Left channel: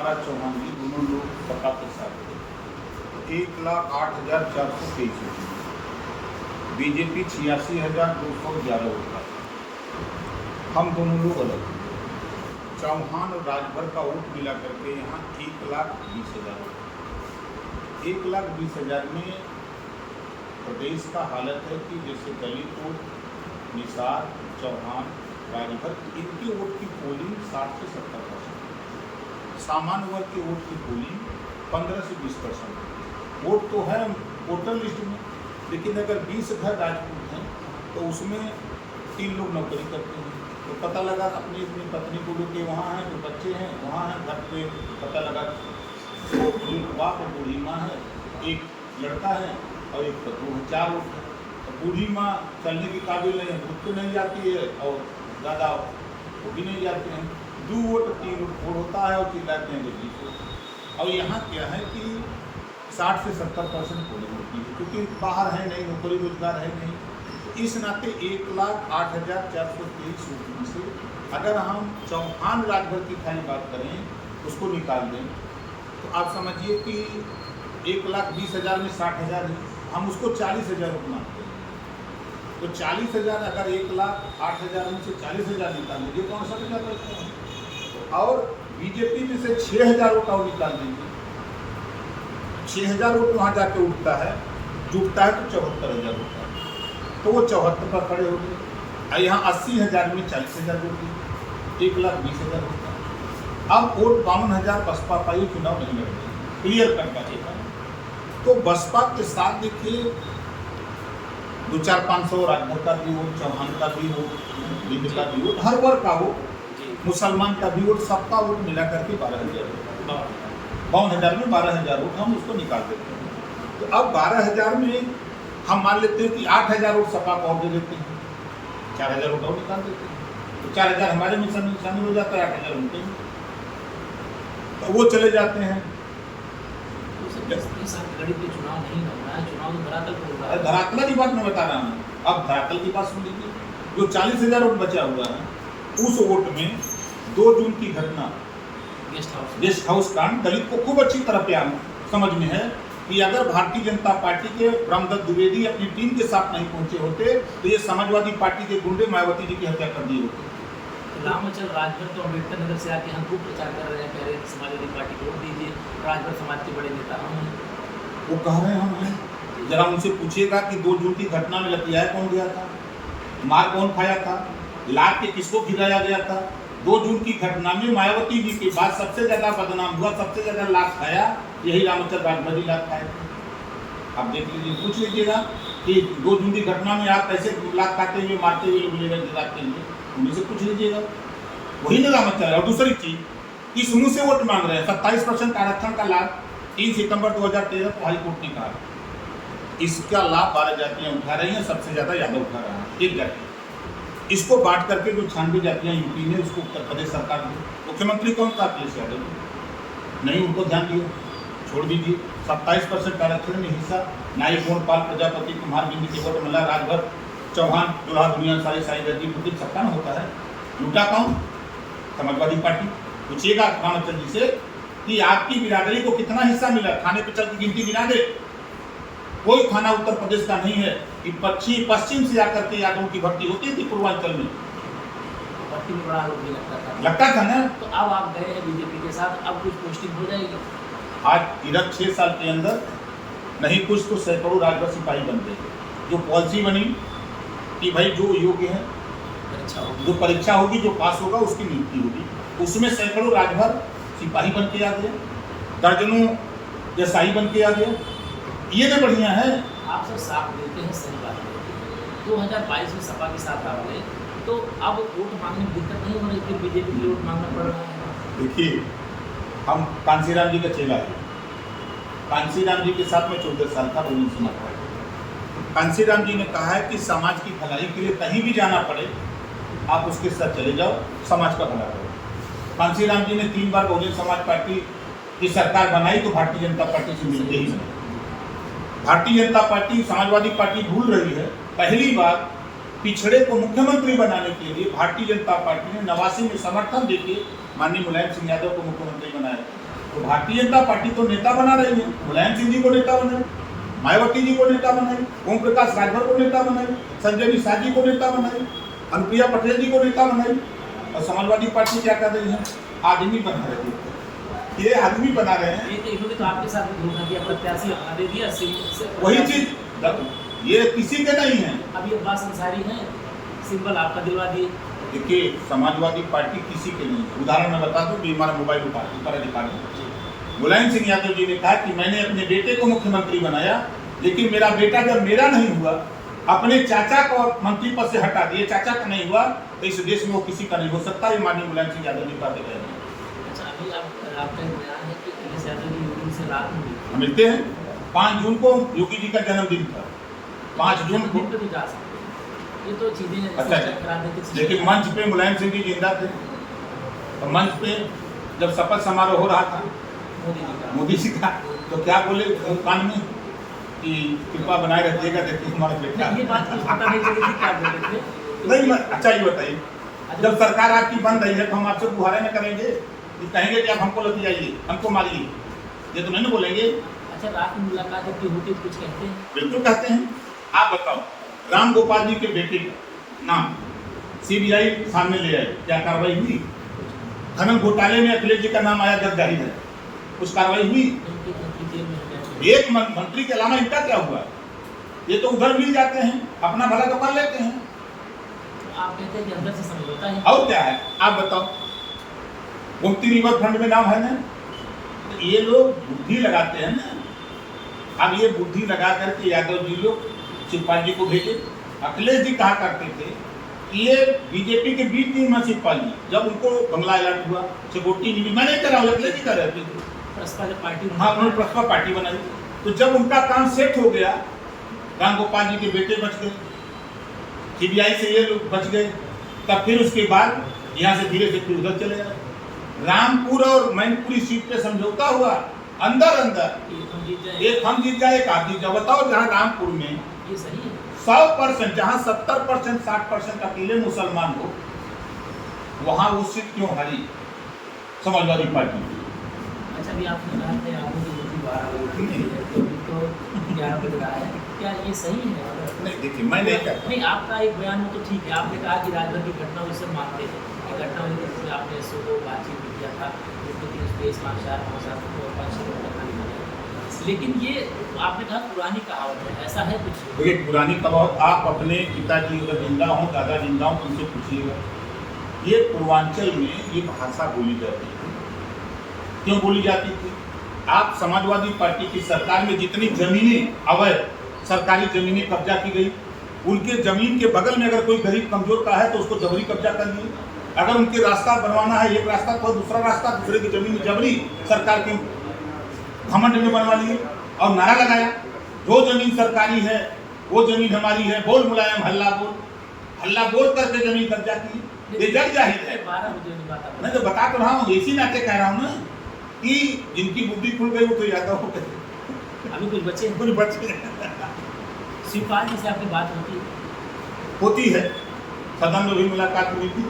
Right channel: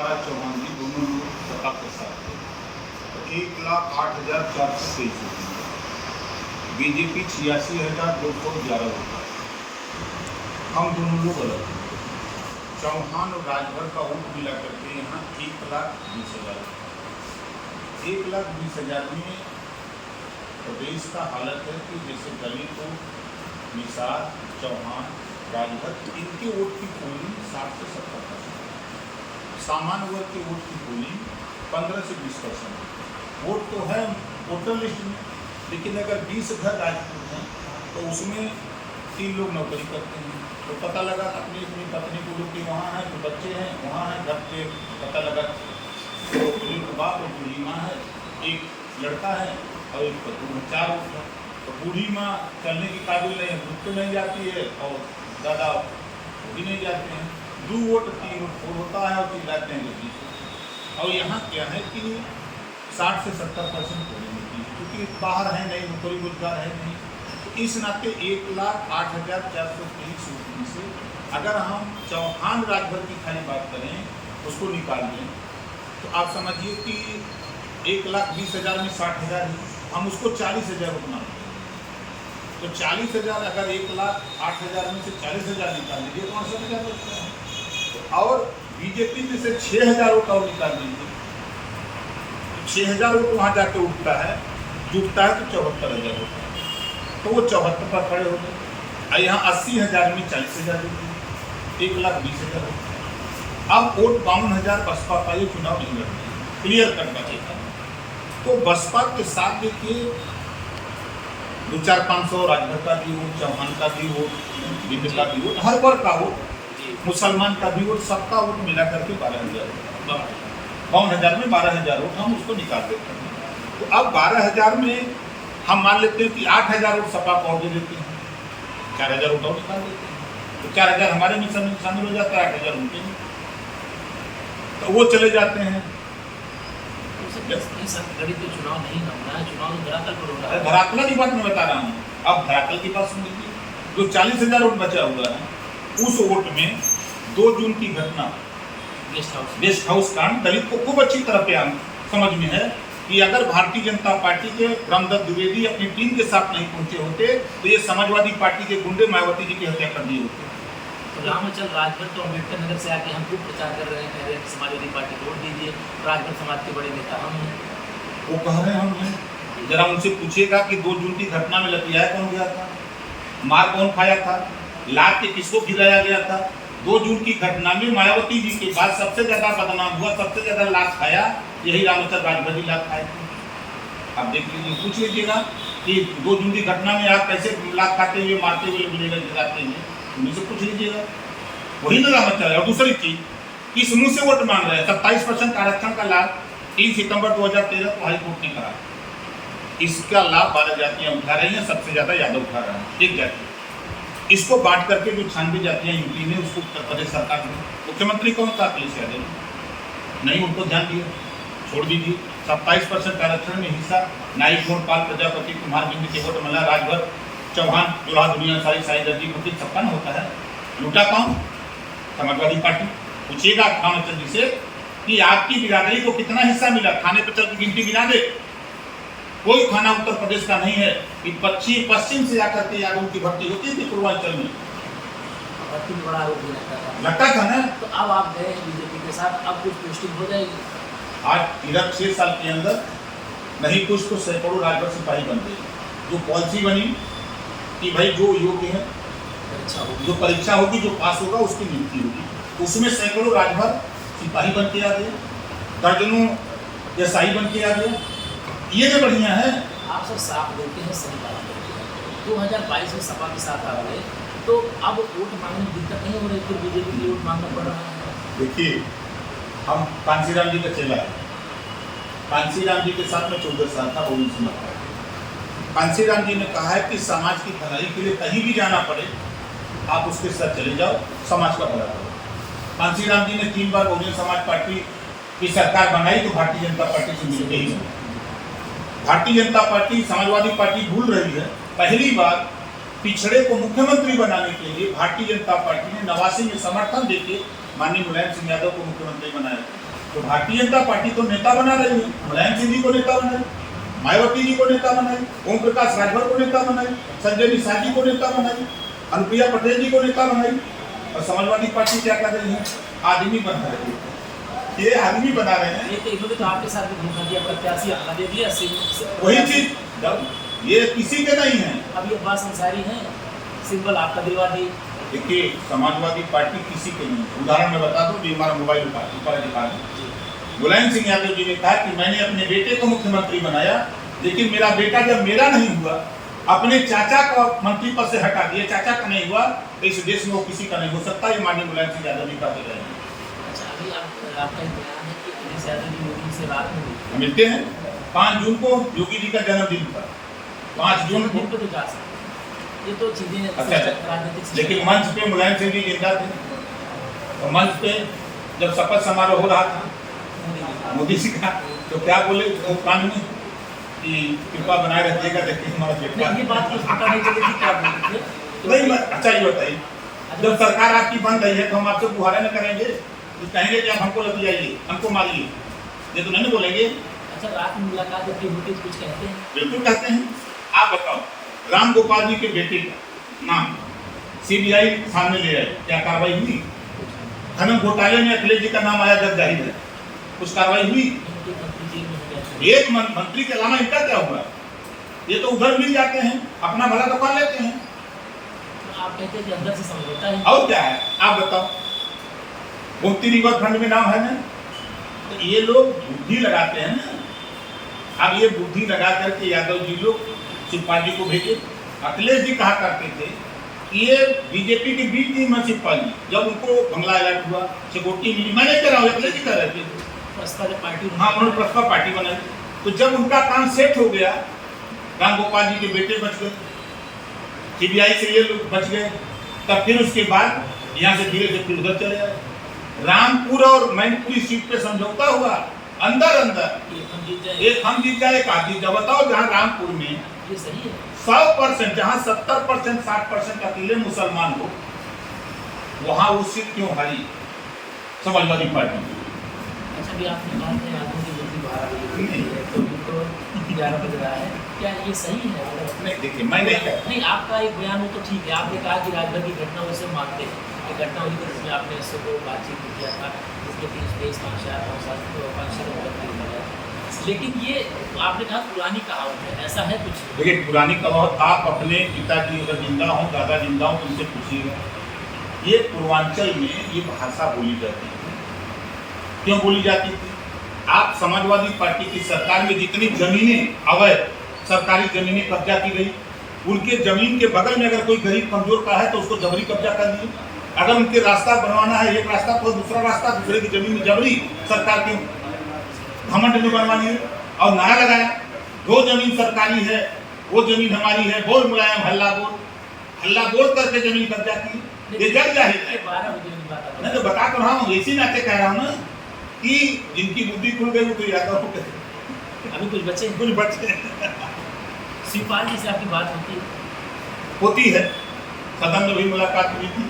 चौहान जी दोनों लोग सत्ता के साथ थे। 1,08,423 बीजेपी 86,211 वोट। हम दोनों लोग अलग थे। चौहान और राजभर का वोट मिला करके यहाँ 1,20,000 वोट। 1,20,000 में प्रदेश का हालत है कि जैसे दलित वोट, निषाद, चौहान, राजभर, इनके वोट की पोलिंग 60 से 70%, सामान्य वर्ग के वोट की पोलिंग 15 से 20%। वोट तो है वोटर लिस्ट में, लेकिन अगर 20 घर राजपूत हैं तो उसमें 3 लोग नौकरी करते हैं। तो पता लगा अपनी अपनी पत्नी को लेके वहाँ हैं, जो बच्चे हैं वहाँ हैं, घर पे पता लगा तो बुजुर्ग बाप और बूढ़ी माँ है, एक लड़का है और एक पत्नी है, 4 वोट है। तो बूढ़ी माँ चलने की काबिल नहीं है, भूत तो नहीं जाती है और दादा वो भी नहीं जाते हैं। 2 वोट 3 वोट 4 होता है और चिल्लाते हैं लोग। और यहाँ क्या है कि 60 से 70% पोलिंग होती है, क्योंकि बाहर है नहीं, नौकरी रोजगार है नहीं। तो इस नाते 1,08,423 वोट में से अगर हम चौहान राजभर की खाली बात करें, उसको निकाल दें, तो आप समझिए कि 1,20,000 में 60,000 है, हम उसको 40,000 वोट मानते हैं। तो 40,000 अगर 1,08,000 में से 40,000 निकाल लीजिए तो 68,000 बचता है। और बीजेपी में से 6,000 वोट और निकाल दीजिए, 6,000 वोट वहाँ जाके उठता है, जुटता है तो 74,000 होता है। तो वो 74 पर खड़े हो गए। और यहाँ 80,000 में 40,000 जोड़ दिए, 1,20,000 होता है। अब वोट 52,000 बसपा का, ये चुनाव नहीं लड़ रही, क्लियर कट बात है। तो बसपा के साथ देखिए 200-500 राजभर का भी वोट, चौहान का भी वोट, बिंद का भी वोट, हर वर्ग का वोट, मुसलमान का भी वोट, सबका वोट मिला करके 12,000 वोट, 52,000 में 12,000 वोट हम उसको निकाल देते हैं। तो अब 12,000 में हम मान लेते हैं कि 8,000 वोट सपा को और दे देते हैं, 4,000 वोट और निकाल देते हैं। तो 4,000 हमारे में शामिल हो जाता है, 8,000 उनके में, तो वो चले जाते हैं। चुनाव नहीं हो रहा है, चुनाव धरातल पर हो रहा है। धरातल की बात मैं बता रहा हूँ। अब धरातल की बात सुन लीजिए। जो 40,000 वोट बचा हुआ है, उस वोट में 2 जून की घटना, गेस्ट हाउस कांड, दलित को खूब अच्छी तरह पे समझ में है कि अगर भारतीय जनता पार्टी के ब्रह्मदत्त द्विवेदी अपनी टीम के साथ नहीं पहुंचे होते तो ये समाजवादी पार्टी के गुंडे मायावती जी की हत्या कर दी होती। तो रामचल राजभर तो अम्बेडकर नगर से आके हम खूब प्रचार कर रहे हैं, कह रहे हैं समाजवादी पार्टी को वोट दीजिए, राजभर समाज के बड़े नेता हम हैं। वो कह रहे हैं हम हैं। जरा उनसे पूछिएगा कि 2 जून की घटना में लतियाया कौन गया था, मार कौन खाया था, लाद के किसको गिराया गया था। 2 जून की घटना में मायावती जी के बाद सबसे ज्यादा बदनाम हुआ, सबसे ज्यादा लात खाया, यही रामचल राजभर जी लात खाए थे। आप देख लीजिए, पूछ लीजिएगा कि 2 जून की घटना में आप कैसे लात खाते हुए, मारते हुए लोग जलाते हुए, उन्हीं से पूछ लीजिएगा, वही ना रामचल। और दूसरी चीज, किस मुंह से वोट मांग रहे हैं? 27% आरक्षण का लाभ 3 सितंबर 2013 को हाईकोर्ट ने कहा, इसका लाभ 12 जातियां उठा रही हैं, सबसे ज्यादा यादव उठा रहे हैं, एक जाति। इसको बांट करके जो 96 जातियां यूपी में, उसको उत्तर प्रदेश सरकार ने, मुख्यमंत्री कौन था? अखिलेश यादव। नहीं, उनको ध्यान दिया, छोड़ दीजिए। 27% आरक्षण में हिस्सा नाई गोपाल प्रजापति कुमार बिंद के वोट मिला, राजभर, चौहान, दुल्हा दुनिया सारी साई दर्जी मुझे सबका ना होता है। लूटा कौन? समाजवादी पार्टी। पूछिएगा रामचंद्र जी से कि आपकी बिरादरी को कितना हिस्सा मिला, थाने पर चल की गिनती गिना दे। कोई थाना उत्तर प्रदेश का नहीं है कि पश्चिम से आकर के यादवों की भर्ती होती थी पूर्वांचल में। भर्ती में बड़ा आरोप भी लगता था ना। तो अब आप गए हैं बीजेपी के साथ, अब कुछ पोस्टिंग हो जाएगी। आज इधर 6 साल के अंदर नहीं कुछ तो सैकड़ों राजभर सिपाही बन गए। जो पॉलिसी बनी कि भाई जो योग्य है, जो परीक्षा होगी, जो पास होगा उसकी नियुक्ति होगी, उसमें सैकड़ों राजभर सिपाही बन के आ गए, दर्जनों एसआई बन के आ गए। ये भी बढ़िया है। आप सब साफ बोलते हैं, सही बात बोलते हैं। 2022 में सपा के साथ आ गए तो अब वोट मांगने में दिक्कत नहीं हो रही, फिर बीजेपी की वोट मांगना पड़ रहा है। देखिए, हम कांसीराम जी का चेला है। कांसीराम जी के साथ में 14 साल था, बहुजन समाज पार्टी। कांसीराम जी ने कहा है कि समाज की भलाई के लिए कहीं भी जाना पड़े आप उसके साथ चले जाओ, समाज का भला करो। कांसीराम जी ने 3 बार बहुजन समाज पार्टी की सरकार बनाई तो भारतीय जनता पार्टी से मिलते ही नहीं। भारतीय जनता पार्टी समाजवादी पार्टी भूल रही है। पहली बार पिछड़े को मुख्यमंत्री बनाने के लिए भारतीय जनता पार्टी ने 89 में समर्थन देके माननीय मुलायम सिंह यादव को मुख्यमंत्री बनाया तो भारतीय जनता पार्टी तो नेता बना रही है, मुलायम सिंह जी को नेता बनाई, मायावती जी को नेता बनाई, ओम प्रकाश राजभर को नेता बनाई, संजय निषाद जी को नेता बनाई, अनुप्रिया पटेल जी को नेता बनाई। और समाजवादी पार्टी क्या कर रही है? आदमी बना रही है, ये आदमी बना रहे हैं। ये तो इन्होंने तो आपके साथ भी धोखा दिया, प्रत्याशी अपना दे दिया, वही चीज ये किसी के नहीं है। अभी अब्बास अंसारी हैं, सिंबल आपका दिलवा दिए। देखिए समाजवादी पार्टी किसी के नहीं है। उदाहरण मैं बता दूं, हमारा मोबाइल ऊपर दिखा दूं। मुलायम सिंह यादव जी ने कहा कि मैंने अपने बेटे को मुख्यमंत्री बनाया, लेकिन मेरा बेटा जब मेरा नहीं हुआ, अपने चाचा को मंत्री पद से हटा दिए, चाचा का नहीं हुआ तो इस देश में वो किसी का नहीं हो सकता। ये माननीय मुलायम सिंह यादव जी का दे रहे हैं। अच्छा, अभी आपका बयान है कि अखिलेश यादव जी योगी से रात में हम मिलते हैं। 5 जून को योगी जी का जन्मदिन था, 5 जून को तो जा सकते, ये तो चीजें अच्छा, राजनीतिक। लेकिन मंच पे मुलायम सिंह जी जिंदा थे, तो मंच पे जब शपथ समारोह हो रहा था मोदी जी का, तो क्या बोले कान में कि कृपा बनाए रखिएगा, देखिए हमारा बेटा। ये बात कुछ पता नहीं चली थी, क्या बोल रहे थे? नहीं, अच्छा ये बताइए, जब सरकार आपकी बन रही है तो हम आपसे गुहारे न करेंगे, कहेंगे कि आप हमको लेके जाइए, हमको मारिए, ये तो नहीं ना बोलेंगे। अच्छा, रात में मुलाकात होती होती कुछ कहते हैं? बिल्कुल कहते हैं। आप बताओ, राम गोपाल जी के बेटे का नाम सीबीआई सामने ले आई, क्या कार्रवाई हुई? खनन घोटाले में अखिलेश जी का नाम आया, जब जाहिर है, कुछ कार्रवाई हुई? एक मंत्री के अलावा इनका क्या हुआ? ये तो उधर मिल जाते हैं, अपना भला तो कर लेते हैं। आप कहते हैं कि अंदर से समझौता है, और क्या है आप बताओ? गोमती रिवर फ्रंट में नाम है ना, तो ये लोग बुद्धि लगाते हैं ना। अब ये बुद्धि लगा करके यादव जी लोग शिवपाल जी को भेजे। अखिलेश जी कहा करते थे कि ये बीजेपी के बीच थी मैं शिवपाल जी, जब उनको बंगला अलर्ट हुआ, सिक्योरिटी मिली, मैं नहीं कर रहा हूँ, अखिलेश जी कर रहे थे, पार्टी। हाँ, उन्होंने प्रस्ताव पार्टी बनाई। तो जब उनका काम सेट हो गया, राम गोपाल जी के बेटे बच गए, सीबीआई से ये लोग बच गए, तब फिर उसके बाद यहाँ से धीरे से फिर उधर चले गए। रामपुर और मैनपुरी सीट पे समझौता हुआ, अंदर एक हम जीत जाए, एक आप जीत जाओ। बताओ, जहाँ रामपुर में ये सही है 100%, जहाँ 70% 60% अकेले मुसलमान हो, वहाँ वो सीट क्यों हारी समाजवादी पार्टी? अच्छा, अभी आपने कहा था यादव की जल्दी 12 बजे है, तो 11 बज रहा है, क्या ये सही है? नहीं, देखिए मैं नहीं कहता। नहीं, आपका एक बयान हो तो ठीक है, आपने कहा कि राजभर की घटना उसे मानते हैं कि घटना हुई थी जिसमें आपने इससे को बातचीत किया था, जिसके 3 स्पेस मार्क 4 5 घटना लिखा जाए, लेकिन ये आपने कहा पुरानी कहावत है, ऐसा है कुछ? देखिए, पुरानी कहावत, आप अपने पिताजी अगर जिंदा हों, दादा जिंदा हों, तो उनसे पूछिएगा। ये पूर्वांचल में ये भाषा बोली जाती थी। क्यों बोली जाती थी? आप समाजवादी पार्टी की सरकार में जितनी जमीनें अवैध सरकारी जमीनें कब्जा की गई, उनके जमीन के बगल में अगर कोई गरीब कमजोर का है तो उसको जबरी कब्जा कर लिए। अगर उनके रास्ता बनवाना है, एक रास्ता पर दूसरा रास्ता दूसरे की जमीन में जबरी सरकार के घमंड में बनवा लिए और नारा लगाया, जो जमीन सरकारी है वो जमीन हमारी है, बोल मुलायम हल्ला बोल करके जमीन कब्जा की। ये जग जाहिर है। 12 बजे की बात है। मैं तो बता तो रहा हूँ, इसी नाते कह रहा हूँ ना कि जिनकी बुद्धि खुल गई वो तो यादव हो गए, अभी कुछ बचे शिवपाल जी से आपकी बात होती है, सदन में भी मुलाकात हुई थी।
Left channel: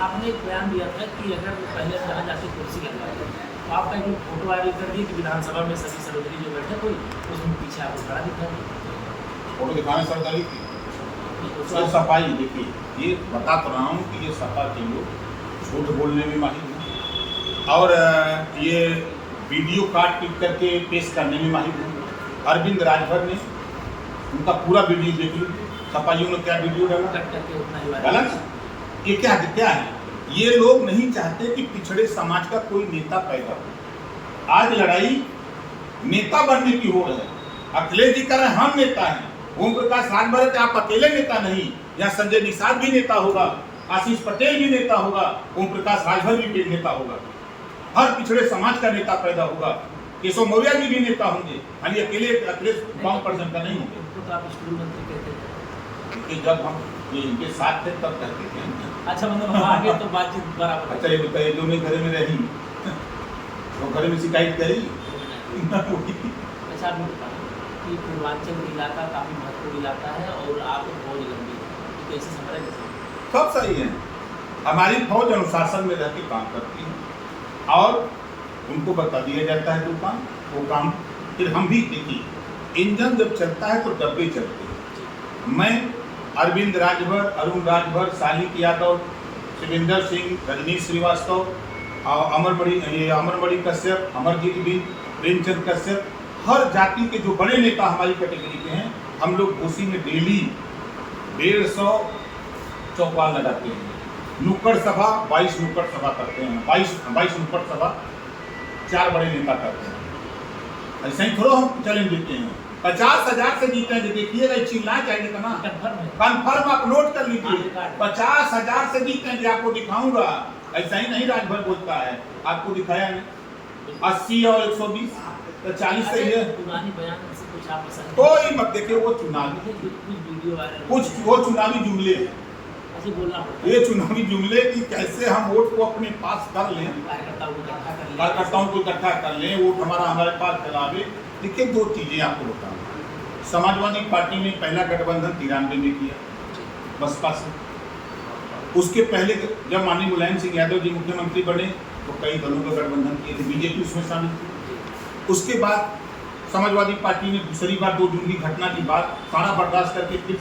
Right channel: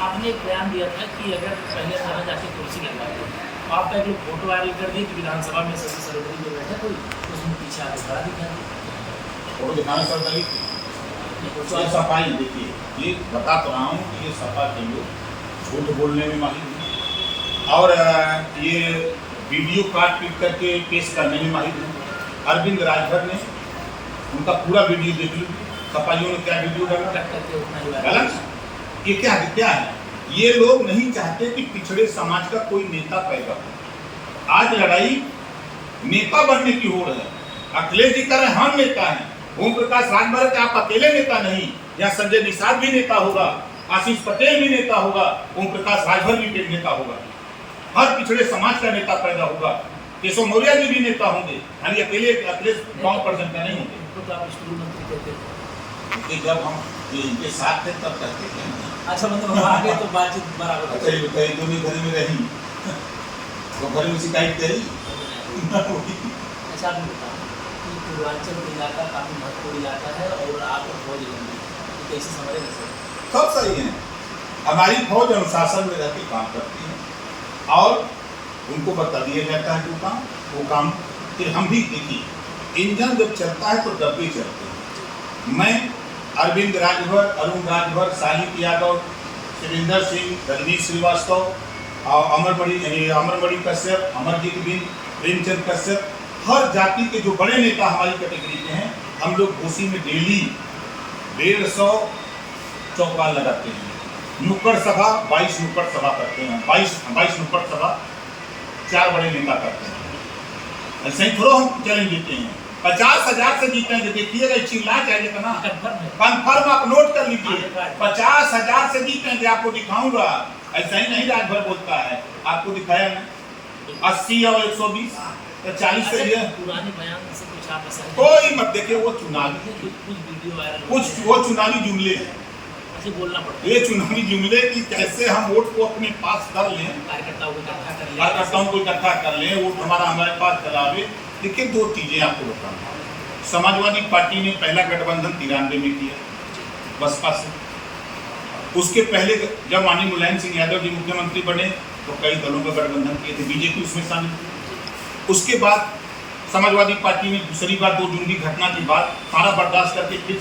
आपने एक बयान दिया था कि अगर पहले जहाँ जाके कुर्सी लगा है, तो आपका एक लोग फोटो वायरल कर दिए कि विधानसभा में शशि सरोदरी जो बैठे कोई, उसमें पीछे आपको खड़ा दिखा दिया, फोटो दिखाने सर गली थी। ये सफाई, देखिए, ये बता तो रहा हूँ कि ये सपा के लोग झूठ बोलने में माहिर हैं और ये वीडियो काट पीट करके पेश करने में माहिर हैं। अरविंद राजभर ने उनका पूरा वीडियो देख लो, सपाइयों ने क्या वीडियो डाला, गलत। ये क्या है? ये लोग नहीं चाहते कि पिछड़े समाज का कोई नेता पैदा हो। आज लड़ाई नेता बनने की हो रही है। अखिलेश जी कह रहे हैं हम नेता हैं, ओम प्रकाश राजभर आप अकेले नेता नहीं, यहाँ संजय निषाद भी नेता होगा, आशीष पटेल भी नेता होगा, ओम प्रकाश राजभर भी नेता होगा, हर पिछड़े समाज का नेता पैदा होगा, केशव मौर्य जी भी नेता होंगे, खाली अकेले अखिलेश 5% का नहीं होंगे। तो आप स्कूल मंत्री कहते हैं, जब हम इनके साथ थे तब करते थे। अच्छा, मतलब हम आगे तो बातचीत बराबर। अच्छा, ये बताइए, दोनों घर में रही तो घर में शिकायत करी। अच्छा, आपने बताया कि पूर्वांचल इलाका काफ़ी महत्वपूर्ण इलाका है और आप बहुत लंबी है, तो कैसे समझ रहे? सब सही है। हमारी फौज अनुशासन में रहकर काम करती है और उनको बता दिया जाता है वो काम फिर हम भी देखिए इंजन जब चलता है तो डब्बे चलते हैं। मैं अरविंद राजभर, अरुण राजभर, साहिब यादव, शिवेंद्र सिंह, रजनीश श्रीवास्तव और अमरमणि कश्यप, अमरजीत बिंद, प्रेमचंद कश्यप, हर जाति के जो बड़े नेता हमारी कैटेगरी के हैं, हम लोग घोसी में डेली 150 चौपाल लगाते हैं। नुक्कड़ सभा 22 नुक्कड़ सभा करते हैं, 22 नुक्कड़ सभा 4 बड़े नेता करते हैं। ऐसे ही थोड़ा हम चैलेंज देते हैं। 50,000 से जीतेंगे, देखिएगा चिल्ला जाएगा ना, कन्फर्म आप नोट कर लीजिए। 50,000 से जीतेंगे, आपको दिखाऊंगा। ऐसा ही नहीं राजभर बोलता है, आपको दिखाया मैं 80 और 120 तो 40 से ये पुराने बयान से कुछ आप पसंद कोई मत देखिए, वो चुनावी वीडियो वायरल कुछ वो चुनावी जुमले हैं, ऐसे बोलना पड़ता है। ये चुनावी जुमले कि कैसे हम वोट को अपने पास कर लें, कार्यकर्ताओं को इकट्ठा कर लें, वोट हमारे पास चलावे। देखिए 2 चीजें आपको बताऊँ। समाजवादी पार्टी ने पहला गठबंधन 93 में किया बसपा से। उसके पहले जब माननीय मुलायम सिंह यादव जी मुख्यमंत्री बने तो कई दलों का गठबंधन किए थे, बीजेपी उसमें शामिल थी। उसके बाद समाजवादी पार्टी ने दूसरी बार 2 जून की घटना के बाद सारा बर्दाश्त करके फिर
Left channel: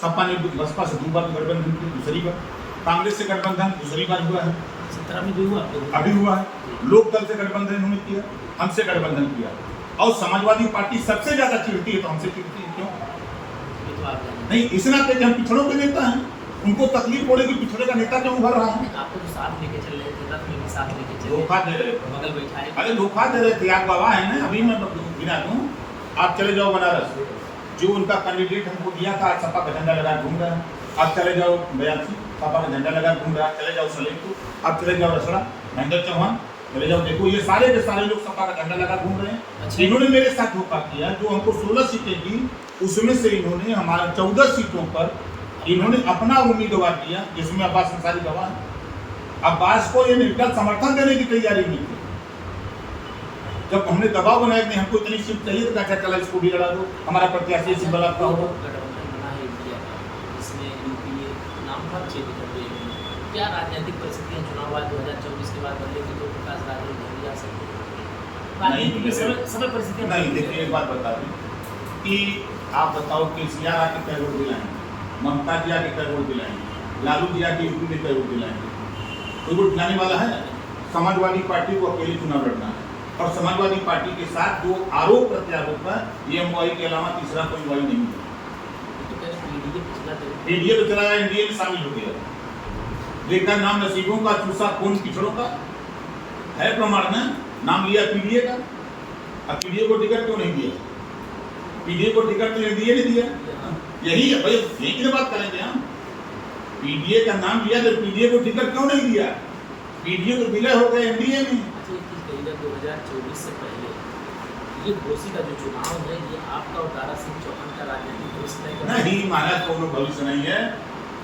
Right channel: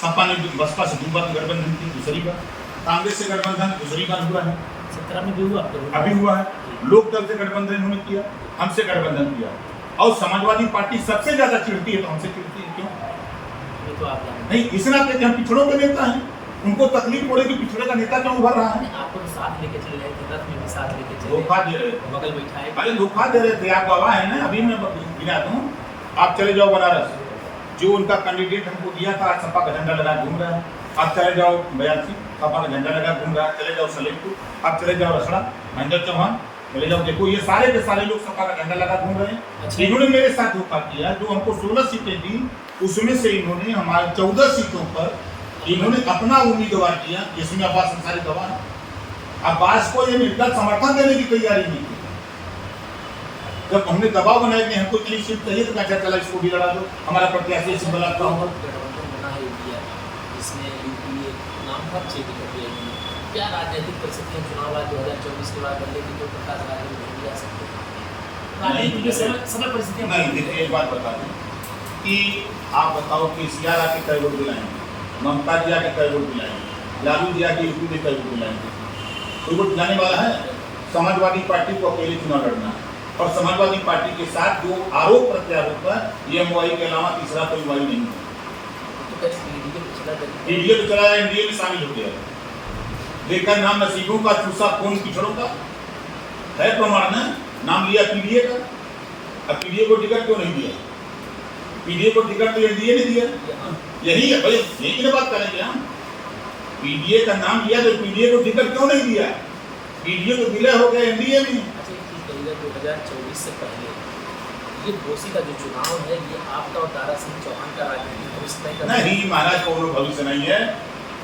सपा ने बसपा से 2 बार गठबंधन किया, दूसरी बार कांग्रेस से गठबंधन दूसरी बार हुआ है, 17 में भी हुआ, अभी हुआ है। लोक दल से गठबंधन इन्होंने किया, हमसे गठबंधन किया। और समाजवादी पार्टी सबसे ज्यादा चिढ़ती है तो हमसे चिढ़ती है। क्यों? ये तो आप जानते नहीं, इस नाते कि हम पिछड़ों के नेता हैं, उनको तकलीफ हो रही कि पिछड़े का नेता क्यों उभर रहा है। हैं। आपको तो साथ लेके चल रहे थे, रथ में भी साथ लेके चले, धोखा दे रहे थे, बगल बैठाए। अरे धोखा दे रहे थे, आप गवाह है ना। अभी मैं गिना दूं, आप चले जाओ बनारस, जो उनका कैंडिडेट हमको दिया था आज सपा का झंडा लगा घूम रहा है। आप चले जाओ बयासी, सपा का झंडा लगा घूम रहा है। चले जाओ सलेमपुर, आप चले जाओ रसड़ा, महेंद्र चौहान, चले जाओ, देखो ये सारे के सारे लोग सपा का झंडा लगा घूम रहे हैं। अच्छा। इन्होंने मेरे साथ धोखा किया। जो हमको 16 सीटें दी, उसमें से इन्होंने हमारे 14 सीटों पर इन्होंने अपना उम्मीदवार दिया, जिसमें अब्बास अंसारी गवाह है। अब्बास को ये निर्गत समर्थन देने की तैयारी नहीं थी। जब हमने दबाव बनाया कि हमको इतनी सीट चाहिए तो क्या चला इसको भी लड़ा दो, हमारा प्रत्याशी सिंबल आपका होगा। गठबंधन बना है इंडिया, इसमें यूपीए नाम बहुत चेंज कर दिया इन्होंने। क्या राजनीतिक परिस्थितियां चुनाव बाद 2024 के बाद बदलेगी तो प्रकाश राजनीति नहीं जा सकते? राजनीति की समय परिस्थितियां नहीं, देखिए एक बात बता दूं कि आप बताओ कि सीआर आके कई वोट दिलाएंगे, ममता जी आके कई वोट दिलाएंगे, लालू जी आके यूपी में कई वोट दिलाएंगे? कोई वोट दिलाने वाला है? समाजवादी पार्टी को अकेले चुनाव लड़ना है और समाजवादी पार्टी के साथ जो आरोप प्रत्यारोप है, एमवाई के अलावा तीसरा कोई वाई नहीं है। एनडीए तो चला जाए, एनडीए में शामिल हो गया, लेकिन नाम नसीबों का चूसा कौन पिछड़ों का है प्रमाण में। नाम लिया पीडीए का, अब पीडीए को टिकट क्यों नहीं दिया? पीडीए को टिकट तो एनडीए ने दिया। यही है भाई, यही की बात करेंगे हम। पीडीए का नाम लिया तो पीडीए को टिकट क्यों नहीं दिया? पीडीए तो विलय हो गए एनडीए में। 2024 से पहले ये घोसी का जो चुनाव है, ये आपका और दारा सिंह चौहान का राजनीतिक भविष्य तय नहीं महाराज, कोई भविष्य नहीं है,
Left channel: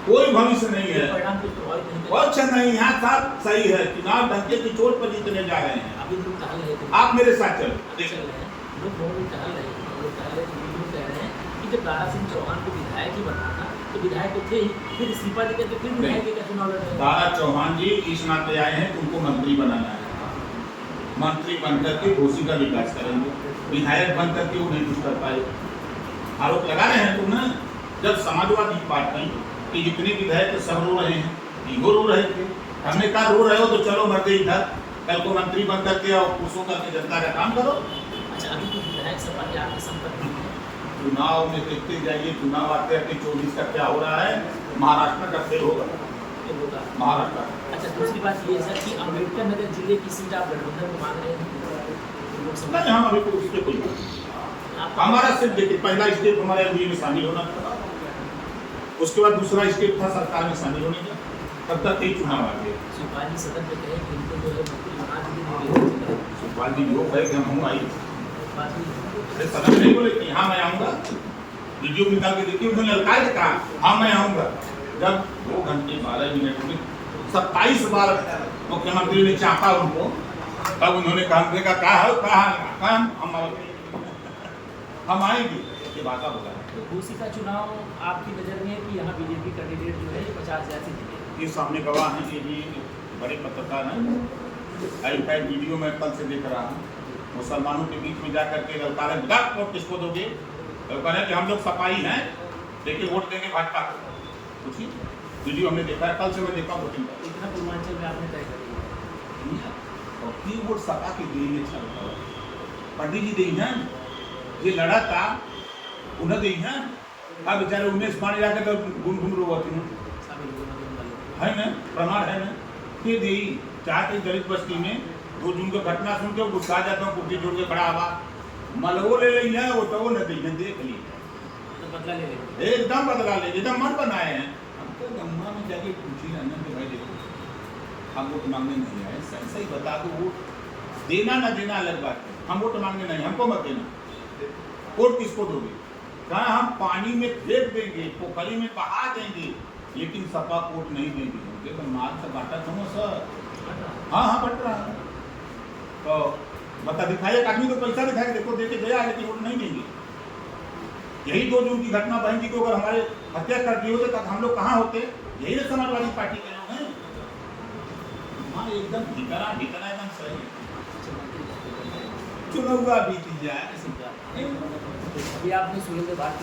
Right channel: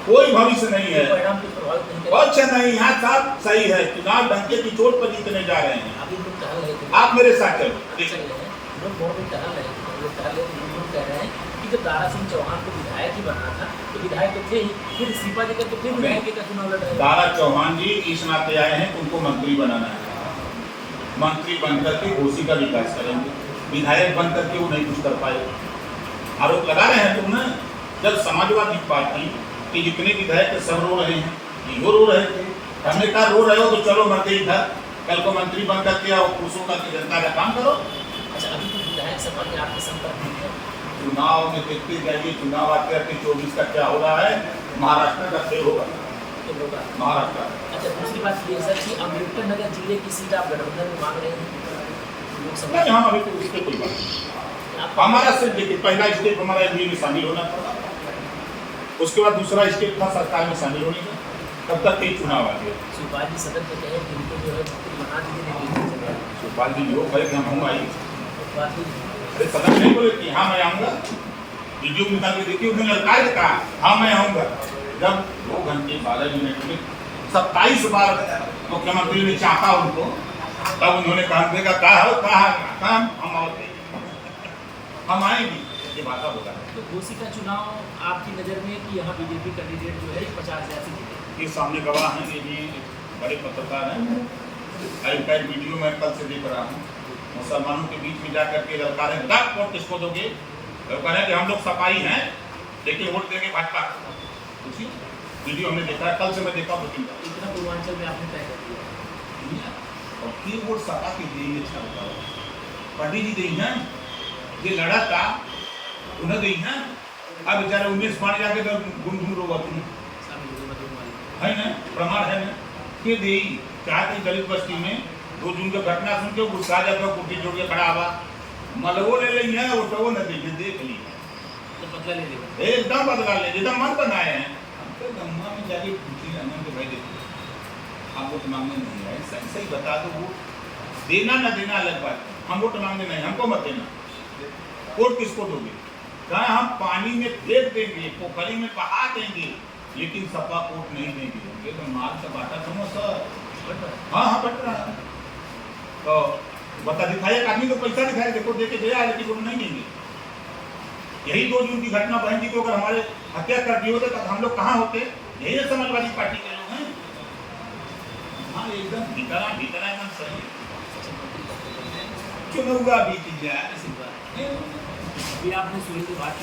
कोई भविष्य नहीं है, परिणाम को प्रभावित नहीं करेगा। अच्छा नहीं, यहाँ साफ सही है, चुनाव डंके की चोट पर जीतने जा रहे हैं। अभी लोग टहल रहे थे, आप मेरे साथ चलो, चल रहे हैं लोग, बहुत भी टहल रहे थे, हम लोग टहल रहे थे। लोग कह रहे हैं कि जब दारा सिंह चौहान को विधायक ही बनाना तो विधायक तो थे ही, फिर इस्तीफा देकर के फिर विधायक का चुनाव लड़ रहे हैं। दारा चौहान जी इस नाते आए हैं कि उनको मंत्री बनाना है, मंत्री बनकर के घोसी का विकास करेंगे। विधायक बनकर के वो नहीं कुछ कर पाए, आरोप लगा रहे हैं तुम ना। जब समाजवादी पार्टी के जितने विधायक सब रो रहे हैं, वो रो रहे थे, हमने कहा रो रहे हो तो चलो मरते इधर, कल को मंत्री बन करके और खुशों करके जनता का काम करो। अच्छा, अभी तो विधायक सपा के आपके संपर्क में है? चुनाव में देखते जाइए, चुनाव आते आते 24 का क्या हो रहा है, महाराष्ट्र का फेल होगा, महाराष्ट्र। अच्छा, दूसरी बात ये सर कि अम्बेडकर नगर जिले की सीट आप गठबंधन में मांग रहे हैं लोकसभा? नहीं, हम अभी तो उसके कोई बात नहीं। हमारा सिर्फ देखिए, पहला स्टेप हमारा एनडीए में शामिल होना था, उसके बाद दूसरा स्टेप था सरकार में शामिल होने का, तब तक कई चुनाव आ गए। शिवपाल जी सदन में कहे कि इनको जो है मंत्री बना दीजिए। शिवपाल जी योग है कि हम हूँ आई, सदन नहीं बोले कि हाँ मैं आऊँगा, वीडियो निकाल के देखिए, उन्होंने लड़का के कहा हाँ मैं आऊँगा। जब 2 घंटे 12 मिनट में 27 बार मुख्यमंत्री ने चाहा उनको, तब उन्होंने कहा हम आएंगे, ये बात बोला। तो घोसी का चुनाव आपकी नज़र में कि यहाँ बीजेपी कैंडिडेट जो है 50,000 से जीते? ये सामने गवाह हैं, ये भी बड़े पत्रकार हैं। आई वीडियो में कल से देख रहा हूँ, मुसलमानों के बीच में जा करके ललकार है, बता वोट किसको दोगे? तो कह रहे हैं कि हम लोग सपाई हैं लेकिन वोट देंगे भाजपा को। पूछिए, वीडियो हमने देखा है, कल से मैं देखा हूँ 2-3 बार। इतना पूर्वांचल में आपने तय कर दिया। और की वोट सपा के देंगे? अच्छा बताओ, पंडित जी दी हैं, ये लड़ा था उन्हें दी हैं। अब बेचारे उमेश माने जाके तो गुनगुन रोवा तुम है ना, प्रमाण है ना कि दी चाहते दलित बस्ती में 2 जून की घटना सुन के गुस्सा जाकर कुर्सी जोड़ के खड़ा हुआ, मलवो ले ली है, वो न दी है, देख ली तो बदला ले लेगा, एकदम बदला ले, एकदम मन बनाए हैं। हम तो गम्मा में जाके पूछी ना तो भाई देखो हम वोट मांगने नहीं आए, सही सही बता दो, वोट देना ना देना अलग बात है, हम वोट मांगने नहीं, हमको मत देना। वोट किसको दोगे? कहा हम पानी में फेंक देंगे, पोखरी में बहा देंगे, लेकिन सपा वोट नहीं देंगे। तो माल से बांटा समझ सर, हाँ हाँ बट रहा है। तो बता दिखाया, एक आदमी को पैसा दिखाया, देखो दे के गया, लेकिन वोट नहीं देंगे। यही 2 जून की घटना, बहन जी को अगर हमारे हत्या कर दिए होते तो हम लोग कहाँ होते? यही ना समाजवादी पार्टी के लोग हैं। हाँ एकदम भीतरा एकदम सही, चुनाव बीत जाए। ये आपने सुनी तो बात